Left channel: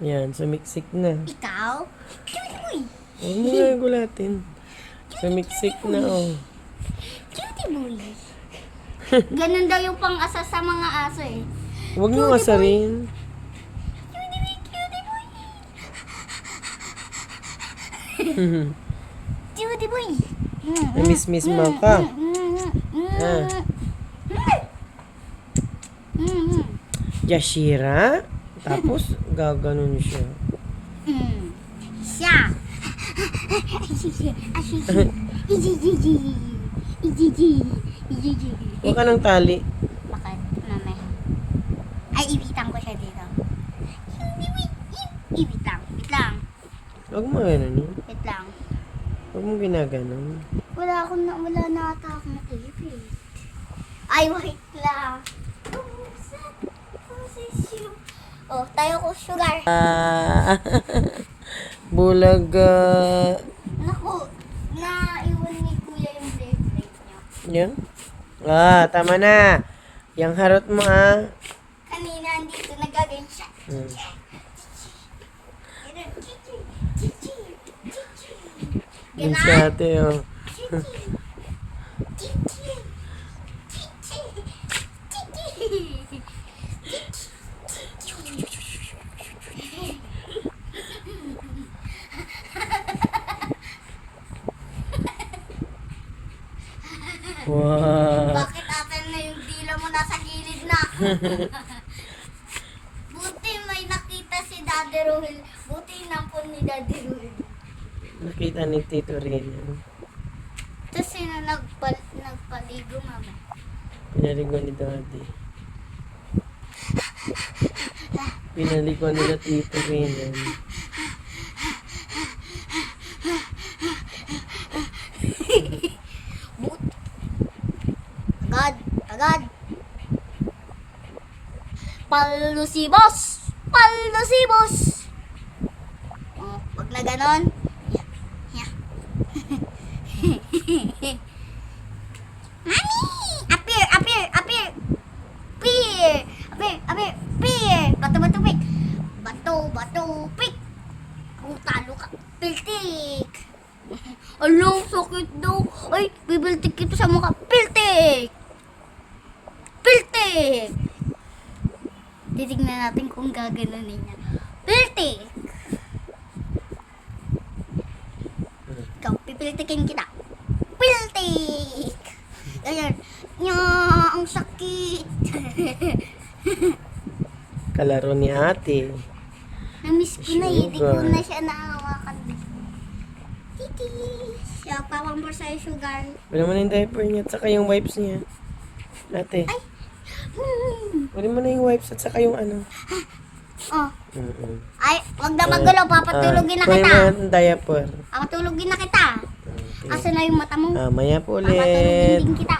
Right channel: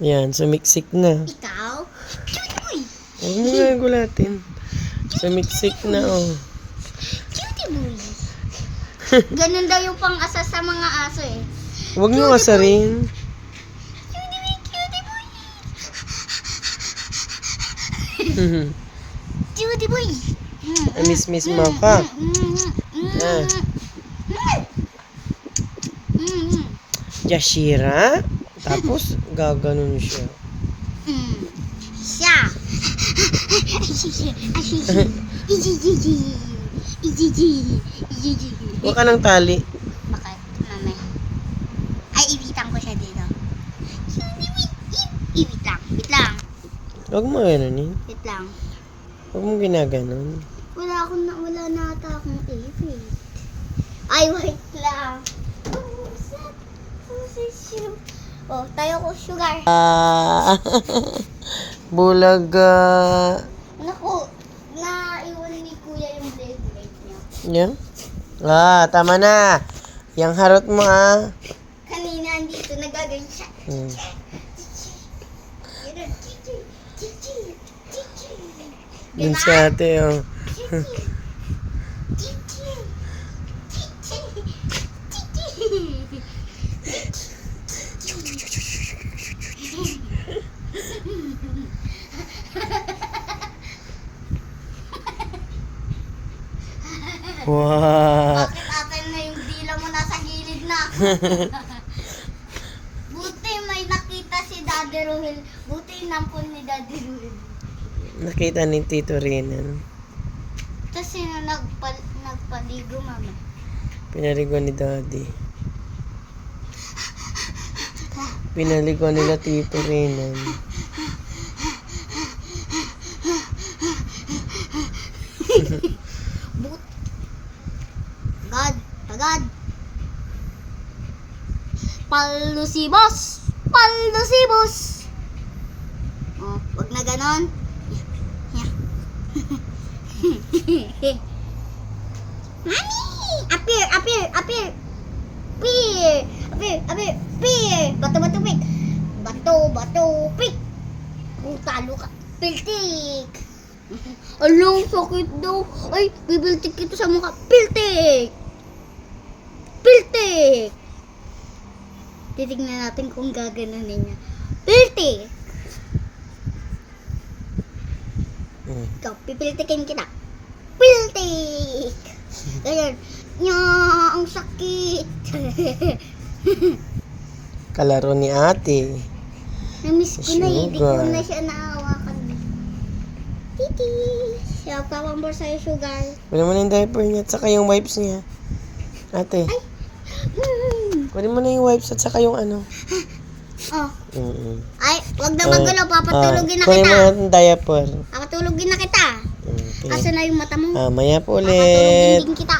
Yan, sumiksik na. Ikaw? Cutie boy. Huwag mo nga gulatin. Sumiksik na, oh. Cutie boy. Ganun daw yung pang-asa sa mga aso eh. Huwag mo asarin. Cutie boy. Cutie boy. Miss mo ka. Ah. Yashira. Tapos, gaganon siya. Siya. Huwag ka ng tali. Bakit? Mame. Ay, ibitan ko siya dito. Ibit lang. Wait lang. Huwag mo ganonin. Wait lang. Huwag mo ginaganon. Wala na ata akong ibit. Ay, wait lang. Oh, tayo ko sugar. Bulaga. Naku, naiwan ni Kuya yung blade Yan. niya. Tama na. Yang harot mo, Kanina andito, nagagawin siya. Yun si ate, oh. Wow. Bakit atin na yung dila mo nasa gilid na? Buti may nakita si Daddy Ruhil. Buti inampun ni Daddy Ruhil. Nakita ni Tito Renan. Tapos sino nagpaligo, mama? Pinaliguan ni Daddy. Pinaliguan nila Tito Renan. Tagad. Palusibos! Oh, wag na ganon. Yeah. Mami! Appear! Peer! Bato, pick! Oh, talo ka. Piltik! Alam, sakit daw. Ay, bibiltik ito sa mukha. Piltik! Titignan natin kung gaganunin niya. Piltik! Ikaw, pipiltikin kita. Piltik! Ganyan. Ang sakit. Kalaro ni ate. Namiss ko na eh. Di ko Sugar. na siya naawakan. Titi! Siya, papambor sa'yo, sugar. Kunin mo na yung diaper niya at saka yung wipes niya. Ate, kunin mo na yung wipes at saka yung ano. Oh. Mm-mm. Ay, wag na magulo. Papatulogin na Kunin mo kita. na yung diaper. Papatulogin na kita. Okay. Asa na yung mata mo? Maya po Papatulogin ulit. din kita.